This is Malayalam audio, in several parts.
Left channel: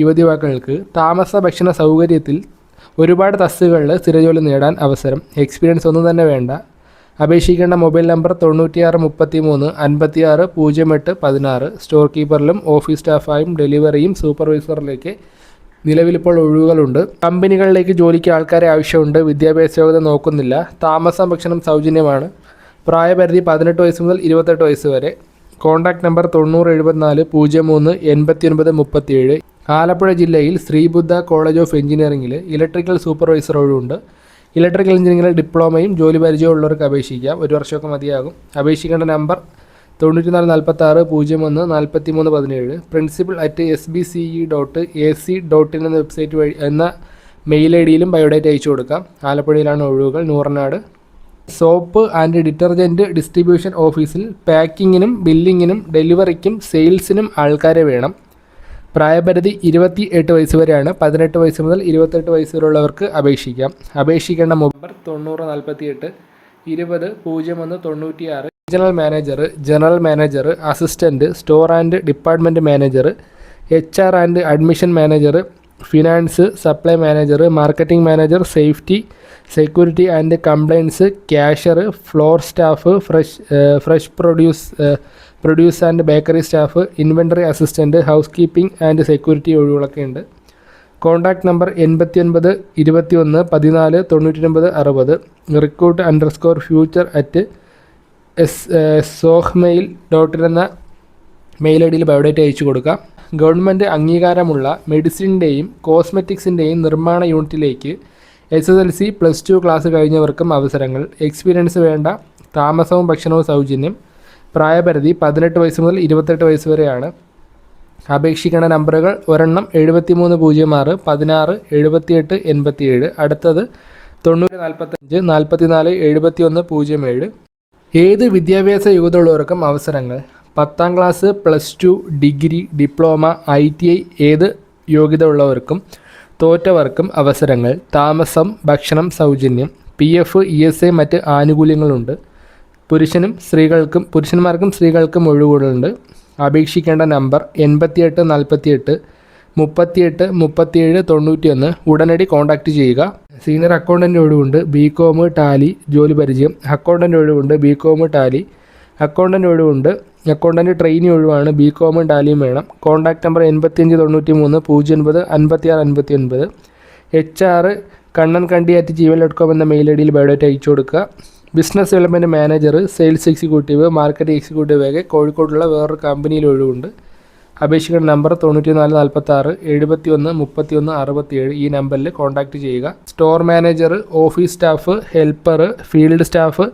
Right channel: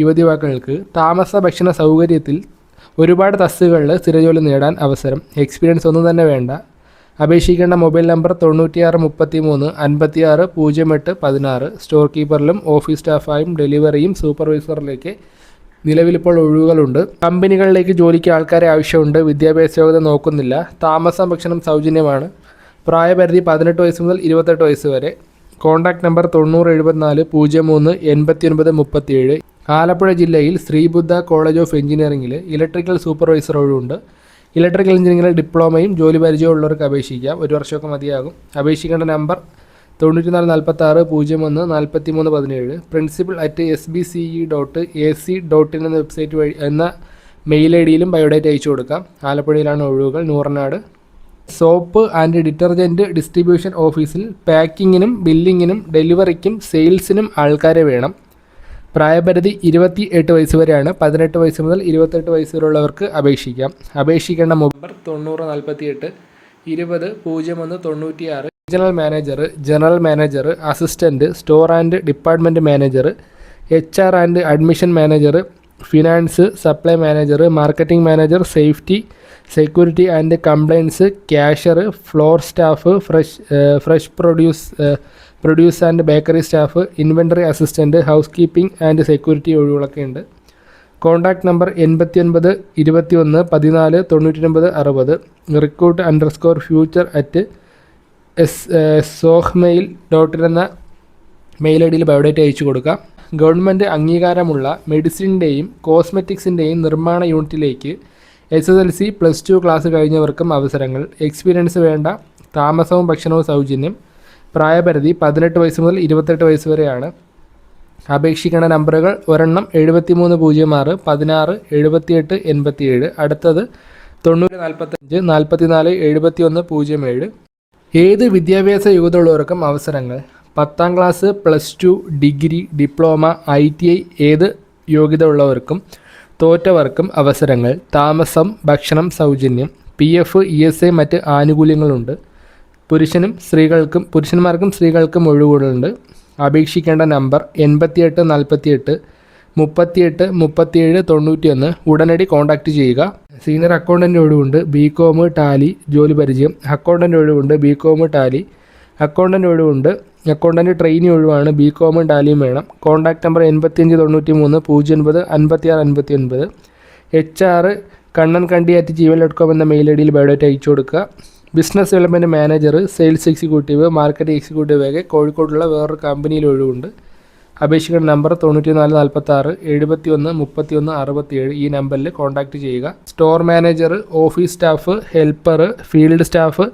യുവതിവാക്കൾക്ക് താമസ ഭക്ഷണ സൗകര്യത്തിൽ ഒരുപാട് തസ്തികകളിൽ സ്ഥിരജോലി നേടാൻ അവസരം. എക്സ്പീരിയൻസ് ഒന്നും തന്നെ വേണ്ട. അപേക്ഷിക്കേണ്ട മൊബൈൽ നമ്പർ തൊണ്ണൂറ്റിയാറ് മുപ്പത്തി മൂന്ന് അൻപത്തിയാറ് പൂജ്യം എട്ട് പതിനാറ് സ്റ്റോർ കീപ്പറിലും ഓഫീസ് സ്റ്റാഫായും ഡെലിവറിയും സൂപ്പർവൈസറിലേക്ക് നിലവിലിപ്പോൾ ഒഴിവുകളുണ്ട്. കമ്പനികളിലേക്ക് ജോലിക്ക് ആൾക്കാരെ ആവശ്യമുണ്ട്. വിദ്യാഭ്യാസ യോഗ്യത നോക്കുന്നില്ല. താമസം ഭക്ഷണം സൗജന്യമാണ്. പ്രായപരിധി പതിനെട്ട് വയസ്സ് മുതൽ ഇരുപത്തെട്ട് വയസ്സ് വരെ. കോൺടാക്ട് നമ്പർ തൊണ്ണൂറ് എഴുപത്തിനാല് പൂജ്യം മൂന്ന് എൺപത്തി ഒൻപത് മുപ്പത്തിയേഴ്. ആലപ്പുഴ ജില്ലയിൽ ശ്രീബുദ്ധ കോളേജ് ഓഫ് എഞ്ചിനീയറിംഗിൽ ഇലക്ട്രിക്കൽ സൂപ്പർവൈസർ ഒഴിവുണ്ട്. ഇലക്ട്രിക്കൽ എഞ്ചിനീയറിംഗിൽ ഡിപ്ലോമയും ജോലി പരിചയവും ഉള്ളവർക്ക് അപേക്ഷിക്കാം. ഒരു വർഷമൊക്കെ മതിയാകും. അപേക്ഷിക്കേണ്ട നമ്പർ തൊണ്ണൂറ്റി നാല് നാൽപ്പത്തി ആറ് പൂജ്യം ഒന്ന് നാൽപ്പത്തി മൂന്ന് പതിനേഴ്. Principal at S B C E dot A C dot in എന്ന വെബ്സൈറ്റ് വഴി എന്ന മെയിൽ ഐ ഡിയിലും ബയോഡേറ്റ് അയച്ചു കൊടുക്കാം. ആലപ്പുഴയിലാണ് ഒഴിവുകൾ. Nooranad. Soap and detergent distribution ഓഫീസിൽ പാക്കിങ്ങിനും ബില്ലിങ്ങിനും ഡെലിവറിക്കും സെയിൽസിനും ആൾക്കാരെ വേണം. പ്രായപരിധി ഇരുപത്തി എട്ട് വയസ്സ് വരെയാണ്. പതിനെട്ട് വയസ്സ് മുതൽ ഇരുപത്തെട്ട് വയസ്സ് വരെയുള്ളവർക്ക് അപേക്ഷിക്കാം. അപേക്ഷിക്കേണ്ട നമ്പർ തൊണ്ണൂറ് നാൽപ്പത്തി എട്ട് ഇരുപത് പൂജ്യം ഒന്ന് തൊണ്ണൂറ്റിയാറ്. Regional manager general manager assistant store and department manager H R and admission manager finance supply manager marketing manager safety security and compliance cashier floor staff fresh fresh produce produce and bakery staff inventory assistant house keeping and security ഒഴിവുകളൊക്കെ ഉണ്ട്. കോൺടാക്ട് നമ്പർ എൺപത്തി ഒൻപത് ഇരുപത്തി ഒന്ന് പതിനാല് തൊണ്ണൂറ്റി അറുപത്. Recruit underscore future at S സോഹ്മെയിൽ dot in എന്ന മെയിൽ ഐ ഡിയിൽ ബയോഡേറ്റ അയച്ചു കൊടുക്കാം. ഗവൺമെന്റ് അംഗീകാരമുള്ള മെഡിസിന്റെയും കോസ്മെറ്റിക്സിന്റെയും നിർമ്മാണ യൂണിറ്റിലേക്ക് S S L C plus two class കഴിഞ്ഞവർക്കും അവസരങ്ങൾ. എക്സ്പീരിയൻസ് വേണ്ട താമസവും ഭക്ഷണവും സൗജന്യം. പ്രായപരിധി പതിനെട്ട് വയസ്സ് മുതൽ ഇരുപത്തെട്ട് വയസ്സ് വരെയാണ്. അപേക്ഷിക്കുന്ന നമ്പറുകൾ ഒരെണ്ണം എഴുപത്തി മൂന്ന് പൂജ്യം ആറ് പതിനാറ് എഴുപത്തിയെട്ട് എൺപത്തിയേഴ്. അടുത്തത് തൊണ്ണൂറ് നാൽപ്പത്തഞ്ച് നാൽപ്പത്തിനാല് എഴുപത്തി ഒന്ന് പൂജ്യം ഏഴ്. ഏത് വിദ്യാഭ്യാസ യോഗ്യതയുള്ളവർക്കും അവസരങ്ങൾ? പത്താം class plus two degree diploma I T I ഏത് യോഗ്യത ഉള്ളവർക്കും തോറ്റവർക്കും അവസരങ്ങൾ താമസം ഭക്ഷണം സൗജന്യം P F E S A മറ്റ് ആനുകൂല്യങ്ങളുണ്ട്. പുരുഷനും സ്ത്രീകൾക്കും പുരുഷന്മാർക്കും സ്ത്രീകൾക്കും ഒഴിവുകളുണ്ട്. അപേക്ഷിക്കേണ്ട നമ്പർ എൺപത്തിയെട്ട് നാൽപ്പത്തിയെട്ട് മുപ്പത്തിയെട്ട് മുപ്പത്തിയേഴ് തൊണ്ണൂറ്റിയൊന്ന്. ഉടനടി കോൺടാക്റ്റ് ചെയ്യുക. സീനിയർ അക്കൗണ്ടന്റ് ഒഴിവുണ്ട്. ബി കോം ടാലി ജോലി പരിചയം. അക്കൗണ്ടന്റ് ഒഴിവുണ്ട്. ബി കോം ടാലി അക്കൗണ്ടന്റ് ഒഴിവുണ്ട്. അക്കൗണ്ടന്റ് ട്രെയിനി ഒഴിവാണ്. ബി കോമും ടാലിയും വേണം. കോൺടാക്ട് നമ്പർ എൺപത്തിയഞ്ച് തൊണ്ണൂറ്റി മൂന്ന് പൂജ്യം ഒൻപത് അൻപത്തിയാറ് അൻപത്തി ഒൻപത് H R Kannan Kandi at Gmail dot com എന്ന മെയിൽ ഐ ഡിയിൽ ബയോഡേറ്റ അയച്ചു കൊടുക്കുക. Business development manager sales executive marketing executive ഒക്കെ കോഴിക്കോടുള്ള വേറൊരു കമ്പനിയിൽ ഒഴിവുണ്ട്. അപേക്ഷിക്കുന്ന നമ്പർ തൊണ്ണൂറ്റി നാല് നാൽപ്പത്തി ആറ് എഴുപത്തി ഒന്ന് മുപ്പത്തി ഒന്ന് അറുപത്തിയേഴ് ഈ നമ്പറിൽ കോൺടാക്റ്റ് ചെയ്യുക. Store manager office staff helper field staff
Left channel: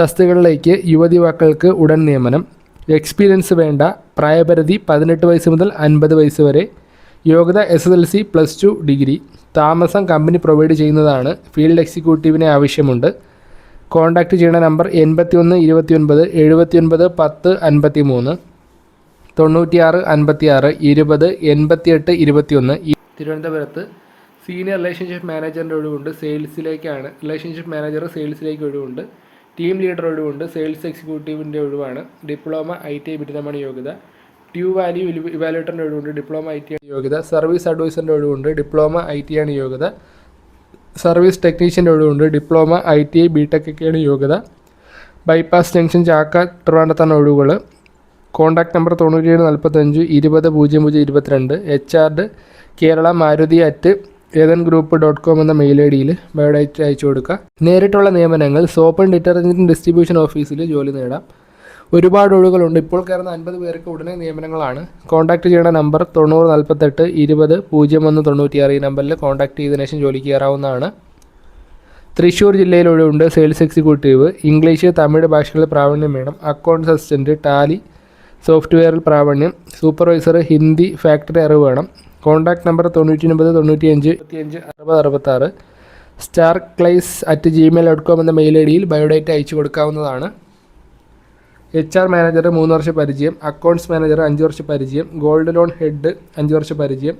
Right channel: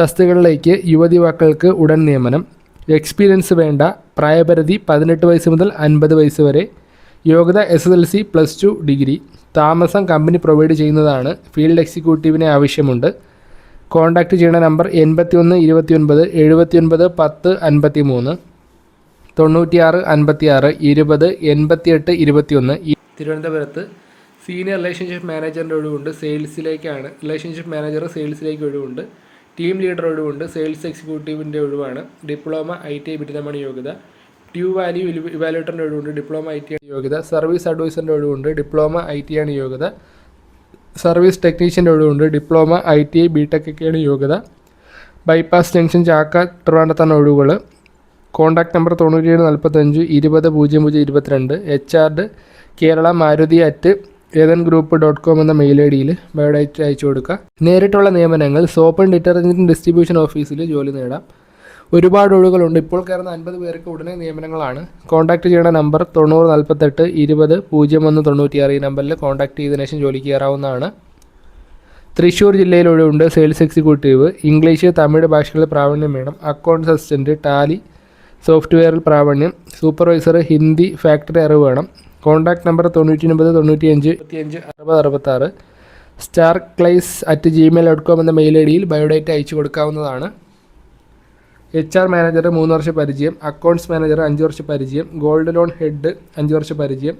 തസ്തികകളിലേക്ക് യുവതിവാക്കൾക്ക് ഉടൻ നിയമനം. എക്സ്പീരിയൻസ് വേണ്ട. പ്രായപരിധി പതിനെട്ട് വയസ്സ് മുതൽ അൻപത് വയസ്സ് വരെ. യോഗ്യത S S L C plus two degree താമസം കമ്പനി പ്രൊവൈഡ് ചെയ്യുന്നതാണ്. ഫീൽഡ് എക്സിക്യൂട്ടീവിനെ ആവശ്യമുണ്ട്. കോൺടാക്റ്റ് ചെയ്യേണ്ട നമ്പർ എൺപത്തി ഒന്ന് ഇരുപത്തി ഒൻപത് എഴുപത്തി ഒൻപത് പത്ത് അൻപത്തി മൂന്ന് തൊണ്ണൂറ്റിയാറ് അൻപത്തിയാറ് ഇരുപത് എൺപത്തിയെട്ട് ഇരുപത്തിയൊന്ന്. തിരുവനന്തപുരത്ത് സീനിയർ റിലേഷൻഷിപ്പ് മാനേജറിന്റെ ഒഴിവുണ്ട്. സെയിൽസിലേക്കാണ് റിലേഷൻഷിപ്പ് മാനേജർ സെയിൽസിലേക്ക് ഒഴിവുണ്ട്. ടീം ലീഡർ ഒഴിവുണ്ട്. സെയിൽസ് എക്സിക്യൂട്ടീവിന്റെ ഒഴിവാണ്. ഡിപ്ലോമ ഐ ടി ഐ ബിരുദമാണ് യോഗ്യത. ട്യൂ വാല്യൂ ഇവാലുവേറ്ററിന്റെ ഒഴിവുണ്ട്. ഡിപ്ലോമ ഐ ടി ആണ് യോഗ്യത. സർവീസ് അഡ്വൈസറിന്റെ ഒഴിവുണ്ട്. ഡിപ്ലോമ ഐ ടി ആണ് യോഗ്യത. സർവീസ് ടെക്നീഷ്യന്റെ ഒഴിവുണ്ട്. Diploma I T I B ഒക്കെയാണ് യോഗ്യത. ബൈപ്പാസ് ജംഗ്ഷൻ ചാക്ക ട്രിവാൻഡത്താണ് ഒഴിവുകൾ കോൺടാക്ട് നമ്പർ തൊണ്ണൂറ്റിയേഴ് നാൽപ്പത്തഞ്ച് ഇരുപത് പൂജ്യം പൂജ്യം ഇരുപത്തിരണ്ട്. H R Kerala Maruti at Ethan group dot com എന്ന മെയിൽ ഐ ഡിയിൽ ബയോഡേറ്റ അയച്ചു കൊടുക്കുക. നേരിട്ടുള്ള നിയമനങ്ങൾ സോപ്പ് ആൻഡ് ഡിറ്റർജന്റ് ഡിസ്ട്രിബ്യൂഷൻ ഓഫീസിൽ ജോലി നേടാം. ഒരുപാട് ഒഴിവുകളുണ്ട്. ഇപ്പോൾ കയറുന്ന അൻപത് പേർക്ക് ഉടനെ നിയമനങ്ങളാണ്. കോൺടാക്ട് ചെയ്യേണ്ട നമ്പർ തൊണ്ണൂറ് നാൽപ്പത്തെട്ട് ഇരുപത് പൂജ്യം ഒന്ന് തൊണ്ണൂറ്റിയാറ്. ഈ നമ്പറിൽ കോൺടാക്ട് ചെയ്തതിനു ശേഷം ജോലിക്ക് കയറാവുന്നതാണ്. തൃശ്ശൂർ ജില്ലയിൽ ഒഴിവുണ്ട്. സെയിൽസ് എക്സിക്യൂട്ടീവ് ഇംഗ്ലീഷ് തമിഴ് ഭാഷകളിൽ പ്രാവീണ്യം വേണം. അക്കൗണ്ട്സ് അസിസ്റ്റന്റ് ടാലി സോഫ്റ്റ്വെയറിൽ പ്രാവീണ്യം. സൂപ്പർവൈസർ ഹിന്ദി ഫാക്ടറി അറിവ് വേണം. കോൺടാക്ട് നമ്പർ തൊണ്ണൂറ്റി ഒൻപത് തൊണ്ണൂറ്റി അഞ്ച് അഞ്ച് അറുപത് അറുപത്താറ്. സ്റ്റാർ ക്ലൈസ് അറ്റ് ജിമെയിൽ ഡോട്ട് കോം എന്ന മെയിൽ ഐ ഡിയിൽ ബയോഡേറ്റ അയച്ചു കൊടുക്കാവുന്നതാണ്. എച്ച് ആർ മാനേജർ മൂന്ന് വർഷ പരിചയം അക്കൗണ്ട്സ് മാനേജർ അഞ്ച് വർഷ പരിചയം ഗോൾഡ് ലോൺ ഹെഡ് അഞ്ച് വർഷ പരിചയം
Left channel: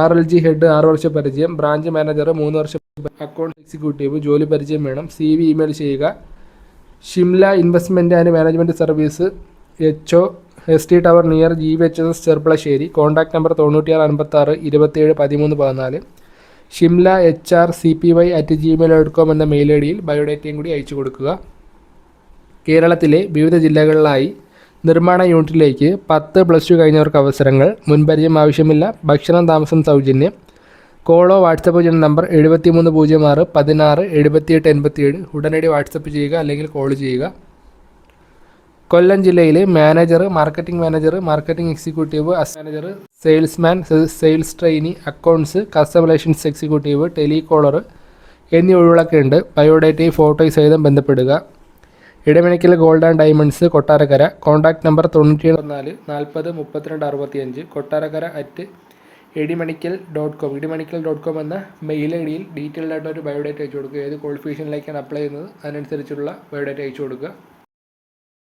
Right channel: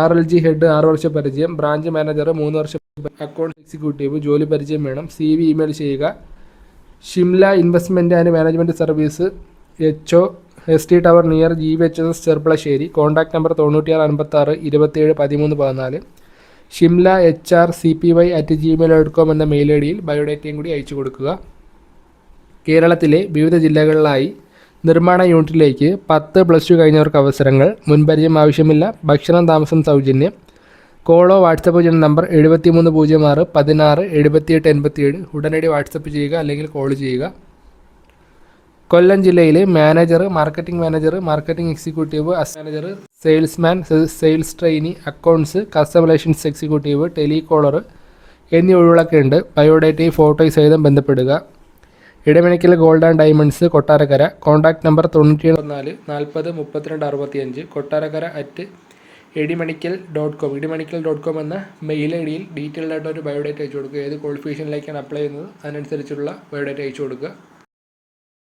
ആർ എൽ ജി ഹെഡ് ആറ് വർഷ പരിചയം ബ്രാഞ്ച് മാനേജർ മൂന്ന് വർഷ അക്കൗണ്ട് എക്സിക്യൂട്ടീവ് ജോലി പരിചയം വേണം സി വി ഇമെയിൽ ചെയ്യുക. Shimla investment and management service H O S T tower near G V H S Cherpulassery. Contact number തൊണ്ണൂറ്റിയാറ് അൻപത്താറ് ഇരുപത്തിയേഴ് പതിമൂന്ന് പതിനാല്. Shimla H R C P Y at Gmail dot com എന്ന മെയിൽ ഐ ഡിയിൽ ബയോഡേറ്റയും കൂടി അയച്ചു കൊടുക്കുക. കേരളത്തിലെ വിവിധ ജില്ലകളിലായി നിർമ്മാണ യൂണിറ്റിലേക്ക് പത്ത് പ്ലസ് ടു കഴിഞ്ഞവർക്ക് അവസരങ്ങൾ മുൻപരിചയം ആവശ്യമില്ല ഭക്ഷണം താമസം സൗജന്യം. കോളോ വാട്സപ്പ് ചെയ്യുന്ന നമ്പർ എഴുപത്തി മൂന്ന് പൂജ്യം ആറ് പതിനാറ് എഴുപത്തിയെട്ട് എൺപത്തിയേഴ്. ഉടനടി വാട്സപ്പ് ചെയ്യുക അല്ലെങ്കിൽ കോൾ ചെയ്യുക. കൊല്ലം ജില്ലയിലെ manager marketing manager marketing executive manager. Salesman sales trainee accounts customer relations executive telecaller എന്നീ ഒഴിവുകളൊക്കെ ഉണ്ട്. ബയോഡേറ്റയും ഫോട്ടോയും സഹിതം ബന്ധപ്പെടുക. Edamanickal gold and diamonds Kottarakkara. Contact number തൊണ്ണൂറ്റി നാല് നാൽപ്പത് മുപ്പത്തിരണ്ട് അറുപത്തിയഞ്ച് Kottarakkara at Edimanickal dot com. Edimanickal dot com എന്ന മെയിൽ ഐ ഡിയിൽ ഡീറ്റെയിൽഡ് ആയിട്ട് ഒരു ബയോഡേറ്റ അയച്ചു കൊടുക്കുക. ഏത് ക്വാളിഫിക്കേഷനിലേക്കാണ് അപ്ലൈ ചെയ്യുന്നത് അതിനനുസരിച്ചുള്ള ബയോഡേറ്റ അയച്ചു കൊടുക്കുക.